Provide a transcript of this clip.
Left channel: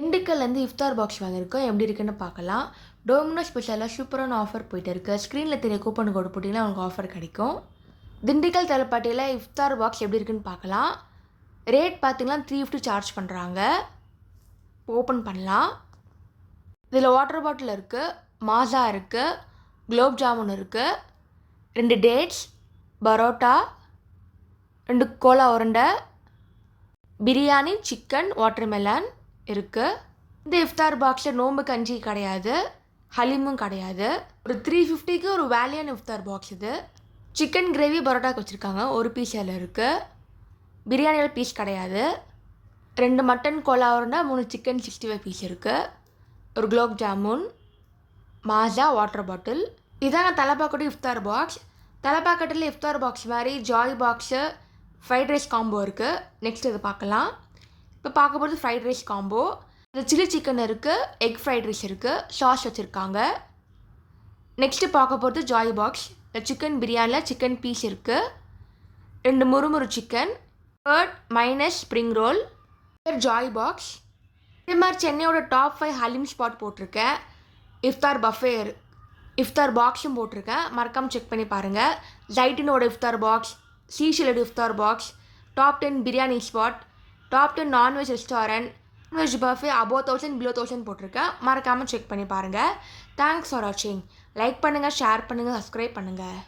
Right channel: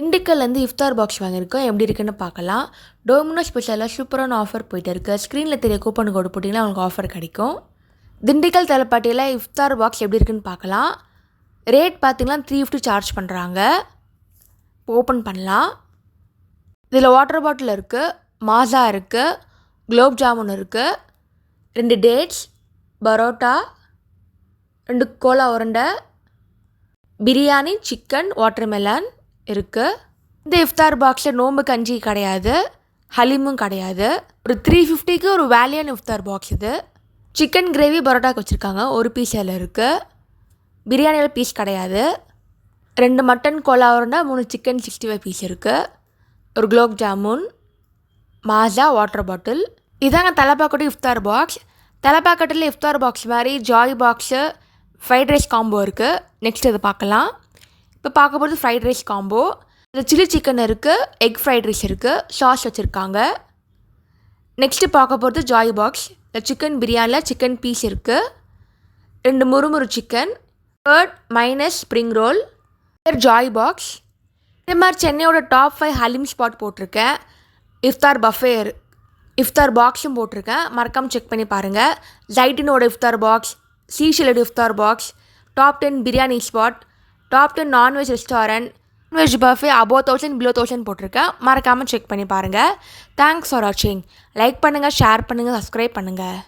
திண்டுக்கல்லேருந்து இஃப்தார் box வாங்கியிருக்கோம். எப்படி இருக்குன்னு பார்க்கலாம். டோமினோ ஸ்பெஷலாக சூப்பரான ஆஃபர் போயிட்டு இருக்குது. ஸ்க்ரீனில் தெரிய கூப்பன் கோடு போட்டிங்கன்னா உங்களுக்கு ஆஃபர் கிடைக்கும். திண்டுக்கல் தலப்பாட்டியில் இஃப்தார் பாக்ஸ் எப்படி இருக்குன்னு பார்க்கலாம். ரேட் பார்த்திங்கன்னா 350 சார்ஜ் பண்ணுறாங்க. ஓப்பன் பண்ணலாம். இதில் வாட்டர் பாட்டில் இருக்குது, மாஸா இருக்குது, குலோப் ஜாமுன் இருக்குது, 2 டேட்ஸ், பரோட்டா, 2 கோலா உருண்டை, பிரியாணி, சிக்கன், வாட்டர்மெலன் இருக்குது. இந்த இஃப்தார் பாக்ஸில் நோம்பு கஞ்சி கிடையாது, ஹலீமும் கிடையாது. ஒரு 350க்கு ஒரு வேல்யூன் இஃப்தார் பாக்ஸ் இது. சிக்கன் கிரேவி பரோட்டாக்கு வச்சுருக்காங்க, ஒரு பீஸ் அதில் இருக்குது. பிரியாணியில் பீஸ் கிடையாது. 2 மட்டன் கோலா உருண்டை, 3 சிக்கன் 65 பீஸ் இருக்குது. ஒரு குலோப் ஜாமுன், மாஸா, வாட்டர் பாட்டில். இதாங்க தலப்பாக்கட்டி இஃப்தார் பாக்ஸ். தலப்பாக்கட்டில் இஃப்தார் பாக்ஸ் மாதிரி joy box, fried rice combo இருக்குது. நெக்ஸ்ட் இது பார்க்கலாம். இப்போ பார்க்க போகிறது ஃப்ரைட் ரைஸ் காம்போ. இது சில்லி சிக்கன் இருக்குது, எக் ஃப்ரைட் ரைஸ் இருக்குது, சாஸ் வச்சுருக்காங்க. நெக்ஸ்ட்டு பார்க்க போகிறது ஜாய் பாக்ஸ். இந்த சிக்கன் பிரியாணியில் சிக்கன் பீஸ் இருக்குது, 2 முறுமுறு chicken, curd, mayonnaise, spring roll. Joy box. இதே மாதிரி சென்னையோட டாப் 5 ஹலீம் ஸ்பாட் போட்டிருக்கேன். இஃப்தார் பஃபே இஃப்தார் பாக்ஸும் போட்டிருக்கேன், மறக்காமல் செக் பண்ணி பாருங்கள். ஜைட்டூனோட இஃப்தார் பாக்ஸ், seashell இஃப்தார் box, top 10 biryani spot, top 10 non-veg restaurant, non-veg buffet above 1000 below 1000 போட்டிருக்கேன், மறக்காமல் செக் பண்ணி பாருங்கள். தேங்க்ஸ் ஃபார் வாட்சிங். லைக் பண்ணுங்கள், ஷேர் பண்ணுங்கள், சப்ஸ்கிரைப் பண்ணுங்கள்.